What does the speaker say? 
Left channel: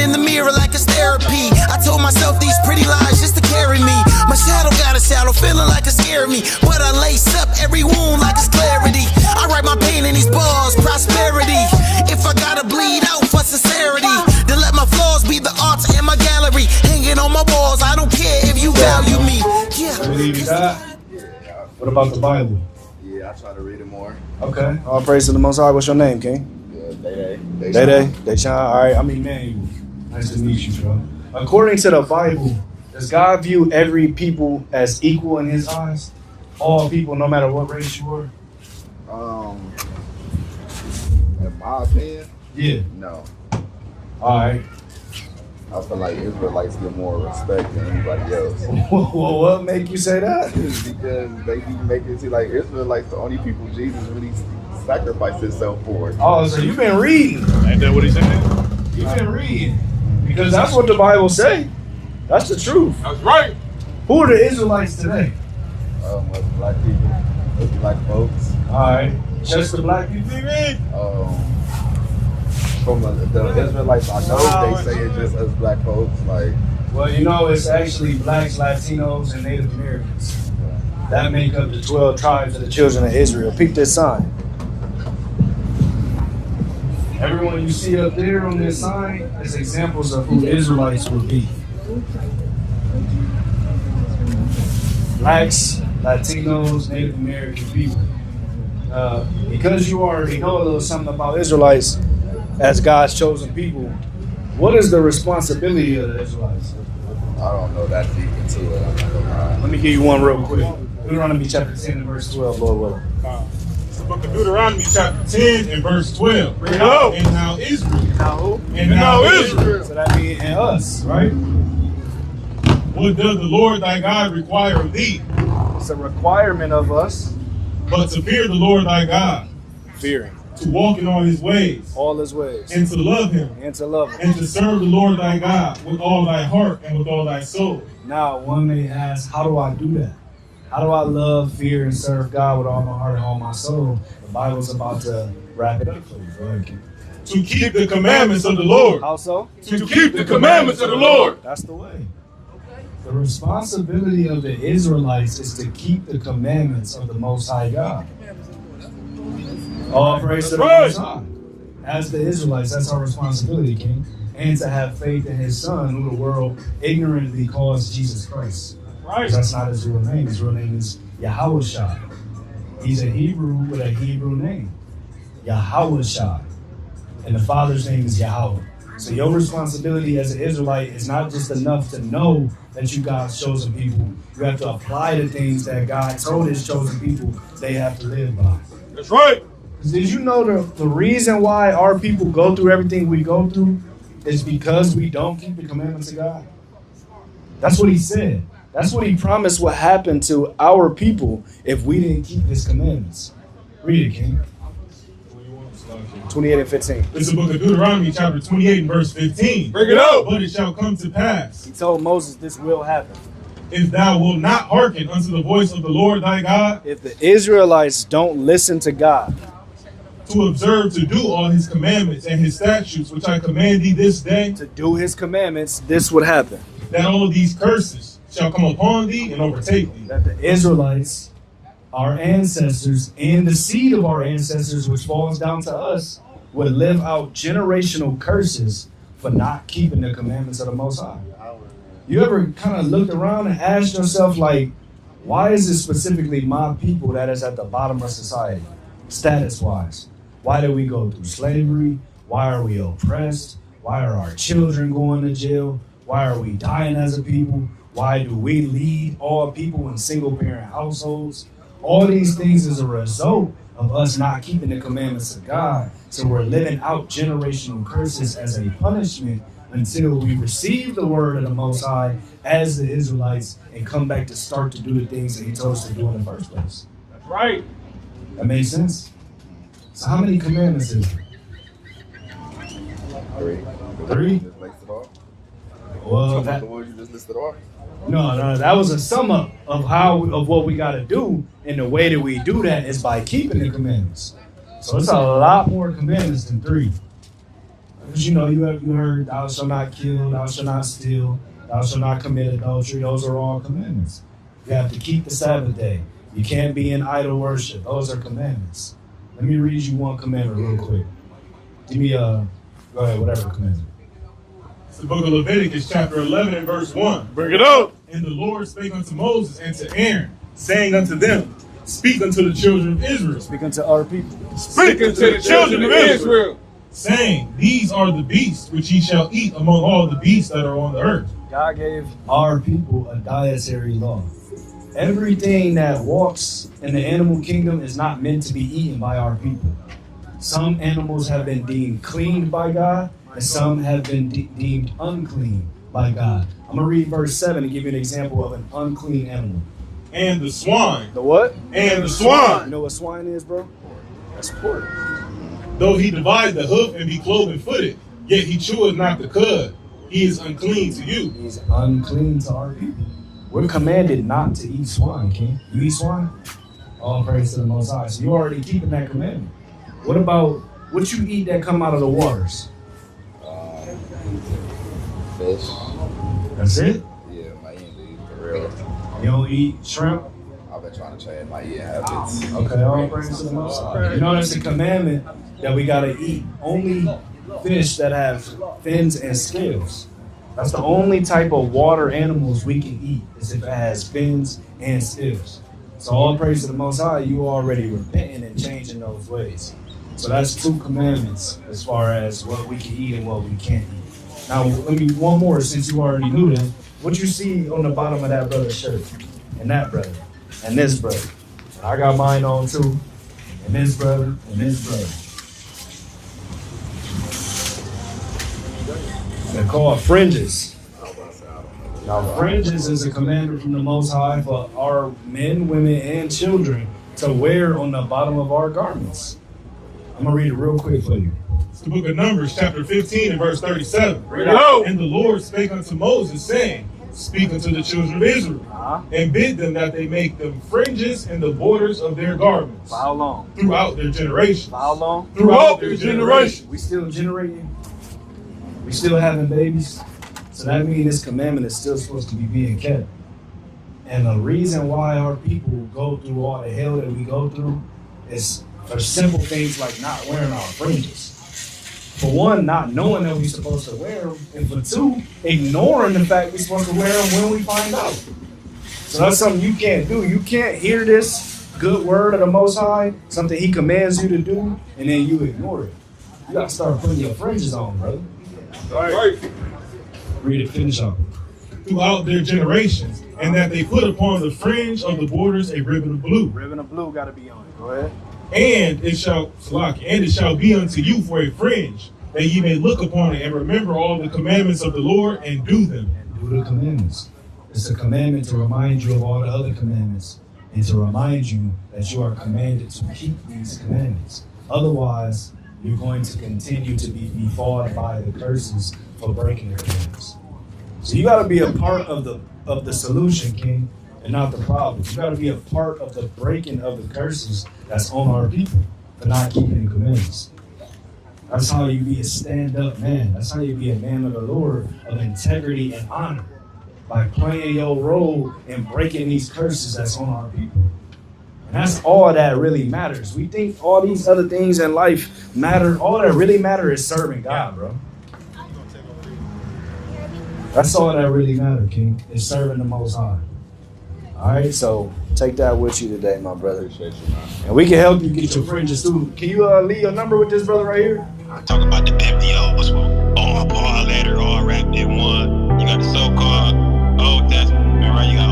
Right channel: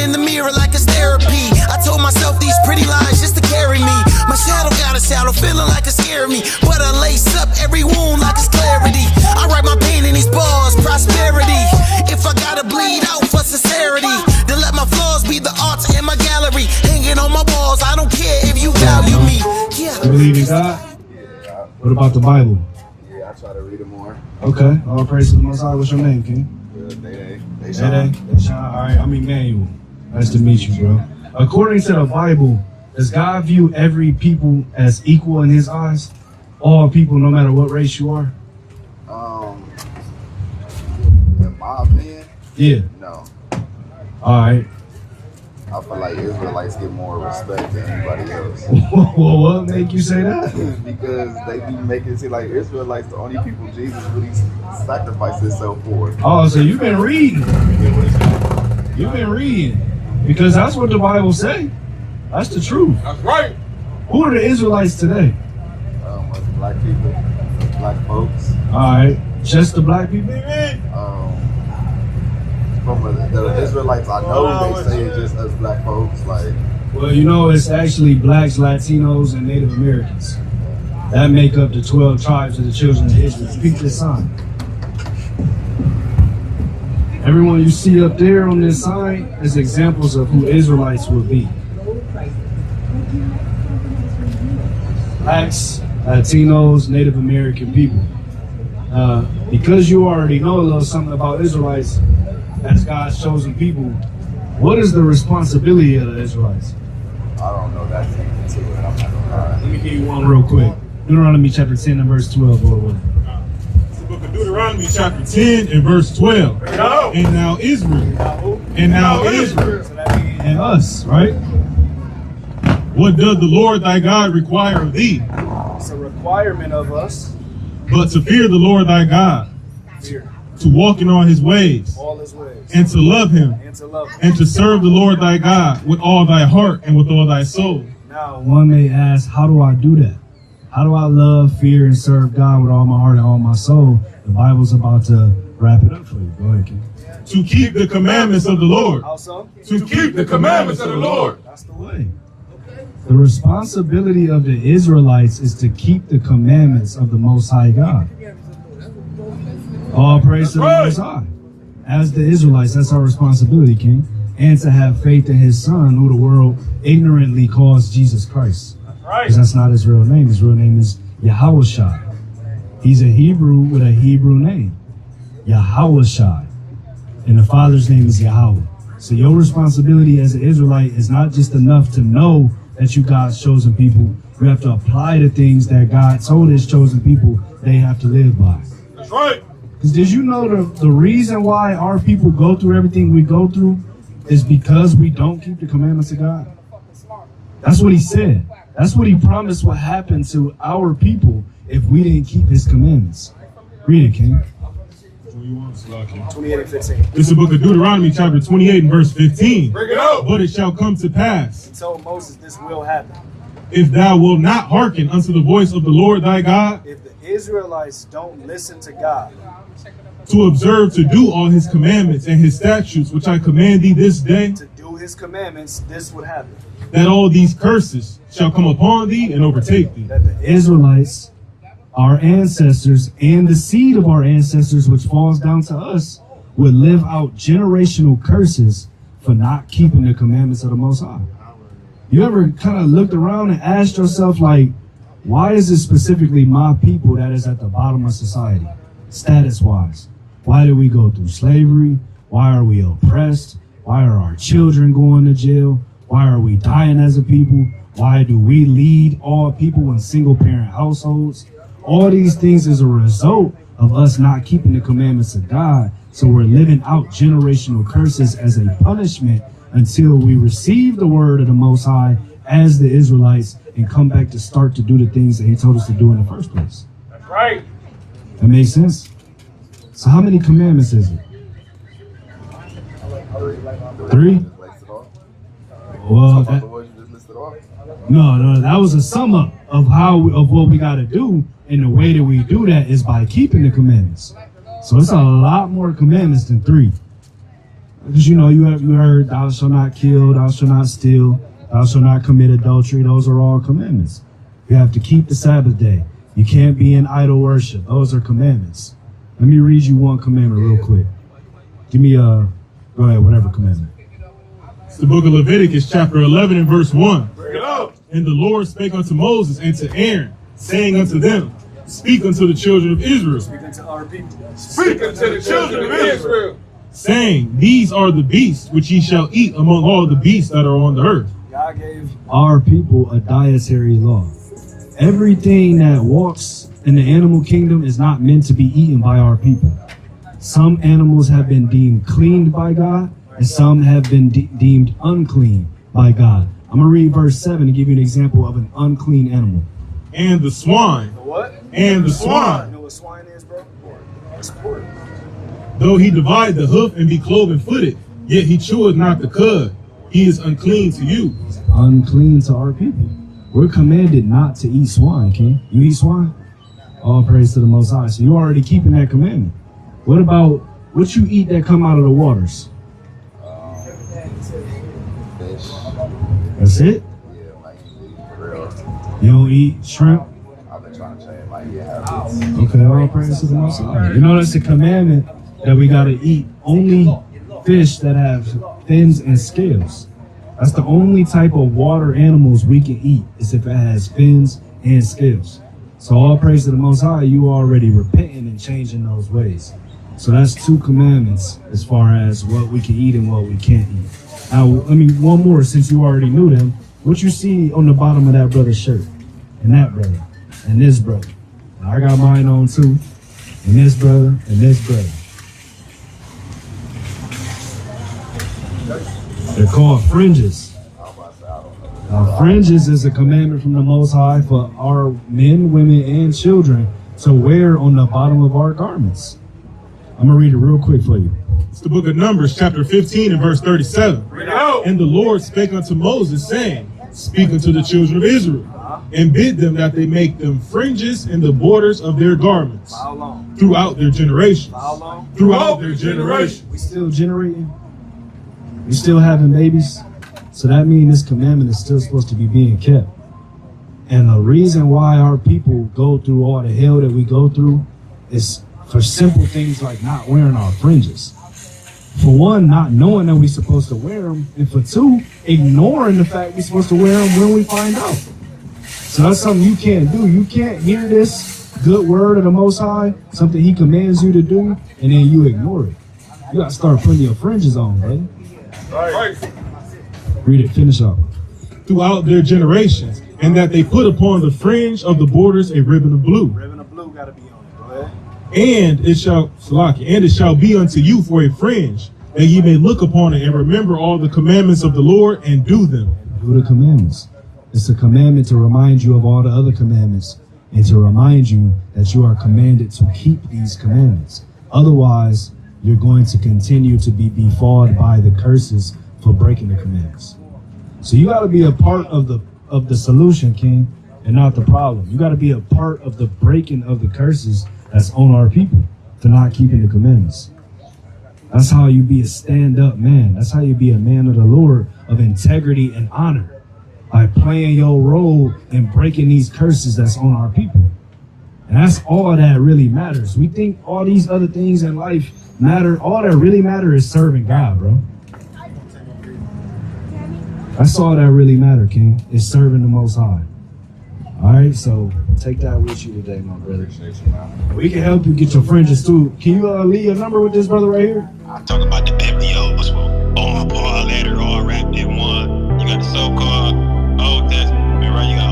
in the mirror like it's therapy. I told myself these pretty lines just to carry me. My shadow got a shadow, feeling like it scared me. But I lace up every wound like it's clarity. I write my pain in these bars, prosperity. If I gotta bleed out for sincerity, then let my flaws be the art in my gallery. Hanging on my walls, I don't care if you value me. Yeah. Believe in God? Yeah. What about the Bible? Yeah, I try to read it more. Okay. All praise to the Most High. What's your name, King? Day. Deshaun. All right. I'm Emmanuel. Nice to meet you, bro. According to the Bible, does God view every people as equal in His eyes? All people, no matter what race you are? In my opinion, Yeah. no. All right. I feel like Israelites get more respect than anybody else. Well, what make you say that? Because they be making it seem like Israelites the only people Jesus really sacrificed himself for. Oh, so you've been reading. Ain't that what he said? You've been reading. Because that's what the Bible say. That's the truth. That's right. Who are the Israelites today? Black people, black folks. All right. Just the black people? From the Israelites I know, they say it's just us black folks. Like, Well, you know, it's actually blacks, Latinos, and Native Americans. That make up the 12 tribes of the children of Israel. Peep this sign. Everyone you see up there on this sign is examples of who Israelites will be. Blacks, Latinos, Native American people. Because you already know a little something about Israelites as God's chosen people, what is the responsibility of the Israelites? I don't know that deep into it. I'm not gonna lie. Let me give you one real quick. Deuteronomy chapter 10 and verse 12. It's the book of Deuteronomy chapter 10 and verse 12. And now Israel. And now Israel. So that means us, right? What does the Lord thy God require of thee? It's a requirement of us. But to fear the Lord thy God, Fearing to walk in all his ways, all his ways. and to love him, And to love him. and to serve the Lord thy God with all thy heart and with all thy soul. Now, one may ask, how do I do that? How do I love, fear, and serve God with all my heart and all my soul? The Bible's about to wrap it up for you. Go ahead, Ken. To keep the commandments of the Lord. How so? To keep the commandments of the Lord. That's the way. The responsibility of the Israelites is to keep the commandments of the Most High God. All praise to the Most High. As the Israelites, that's our responsibility, King. And to have faith in His Son, who the world ignorantly calls Jesus Christ. Because that's not His real name. His real name is Yahushua. He's a Hebrew with a Hebrew name. Yahushua. And the Father's name is Yahweh. So your responsibility as an Israelite is not just enough to know that you God's chosen people. You have to apply the things that God told His chosen people they have to live by. That's right. Because did you know the reason why our people go through everything we go through is because we don't keep the commandments of God? That's what He said. That's what He promised would happen to our people if we didn't keep His commandments. Read it, King. 28 and 15. It's the book of Deuteronomy chapter 28 and verse 15. Bring it out. But it shall come to pass, He told Moses this will happen. if thou wilt not hearken unto the voice of the Lord thy God, If the Israelites don't listen to God, to observe to do all His commandments and His statutes, which I command thee this day, to do His commandments, this would happen. that all these curses shall come upon thee and overtake thee. That the Israelites, our ancestors, and the seed of our ancestors, which falls down to us, would live out generational curses for not keeping the commandments of the Most High. You ever kind of looked around and asked yourself, like, why is it specifically my people that is at the bottom of society, status-wise? Why do we go through slavery? Why are we oppressed? Why are our children going to jail? Why are we dying as a people? Why do we lead all people in single-parent households? All these things is a result of us not keeping the commandments of God. So we're living out generational curses as a punishment until we receive the word of the Most High as the Israelites and come back to start to do the things that He told us to do in the first place. That's right. That makes sense? So how many commandments is it? 3? Well, the words you just listed off? No, that was a sum up of what we got to do, and the way that we do that is by keeping the commandments. So it's a lot more commandments than 3. Because you heard, thou shalt not kill, thou shalt not steal, thou shalt not commit adultery. Those are all commandments. You have to keep the Sabbath day. You can't be in idol worship. Those are commandments. Let me read you one commandment real quick. Give me go ahead, whatever commandment. It's the book of Leviticus, chapter 11 and verse 1. Bring it up. And the Lord spake unto Moses and to Aaron, saying unto them, speak unto the children of Israel. Speak unto our people. Speak unto the children of Israel. Saying, these are the beasts which ye shall eat among all the beasts that are on the earth. God gave our people a dietary law. Everything that walks in the animal kingdom is not meant to be eaten by our people. Some animals have been deemed clean by God, and some have been deemed unclean by God. I'm going to read verse 7 and give you an example of an unclean animal. And the swine. The what? And the swine. You know what swine is, bro? That's pork. Though he divide the hoof and be cloven footed, yet he cheweth not the cud. He is unclean to you. He's unclean to our people. We're commanded not to eat swine, King. You eat swine? All praise to the Most High. So you're already keeping that commandment. What about what you eat that come out of the waters? Fish. That's it? Yeah, my eat for real. You don't eat shrimp? I've been trying to change my eating habits. Okay, all praise to the Most High. You know that's a commandment that we got to eat only fish that have fins and scales. That's the only type of water animals we can eat, is if it has fins and scales. So all praise to the Most High, you already repenting and changing those ways. So that's 2 commandments as far as what we can eat and what we can't eat. Now, let me one more, since you already knew them. What you see on the bottom of that brother's shirt, and that brother, and this brother. And I got mine on too, and this brother, and this brother. They're called fringes. Now, fringes is a commandment from the Most High for our men, women, and children to wear on the bottom of our garments. I'm going to read it real quick for you. It's the book of Numbers, chapter 15 and verse 37. And the Lord spake unto Moses, saying, speak unto the children of Israel, and bid them that they make them fringes in the borders of their garments. For how long? Throughout their generations. For how long? Throughout their generations. We still generating? We still having babies? So that means this commandment is still supposed to be being kept. And the reason why our people go through all the hell that we go through is for simple things like not wearing our fringes. For one, not knowing that we're supposed to wear them. And for 2, ignoring the fact we're supposed to wear them when we find out. So that's something you can't do. You can't hear this good word of the Most High, something He commands you to do, and then you ignore it. You got to start putting your fringes on, brother. Right. Read it, finish up. Throughout their generations, and that they put upon the fringe of the borders a ribbon of blue. Ribbon of blue got to be on it. Go ahead. And it shall be unto you for a fringe, and ye may look upon it and remember all the commandments of the Lord and do them. And do the commandments. It's a commandment to remind you of all the other commandments and to remind you that you are commanded to keep these commandments. Otherwise, you're going to continue to be befalled by the curses for breaking the commandments. So you got to be a part of the solution, King, and not the problem. You got to be a part of the breaking of the curses that's on our people for not keeping the commandments. That's how you be a stand-up man. That's how you be a man of the Lord, of integrity and honor, by playing your role and breaking these curses that's on our people. And that's all that really matters. We think all these other things in life matter. All that really matters is serving God, bro. That's all that really matters, King, is serving the Most High. All right, so take that with you today, my brother. Appreciate you, man. And we can help you get your fringes too. Can you leave your number with this brother right here? Talk about the biblios, all letter, all wrapped in one. You got the so-called Old Testament, right? You got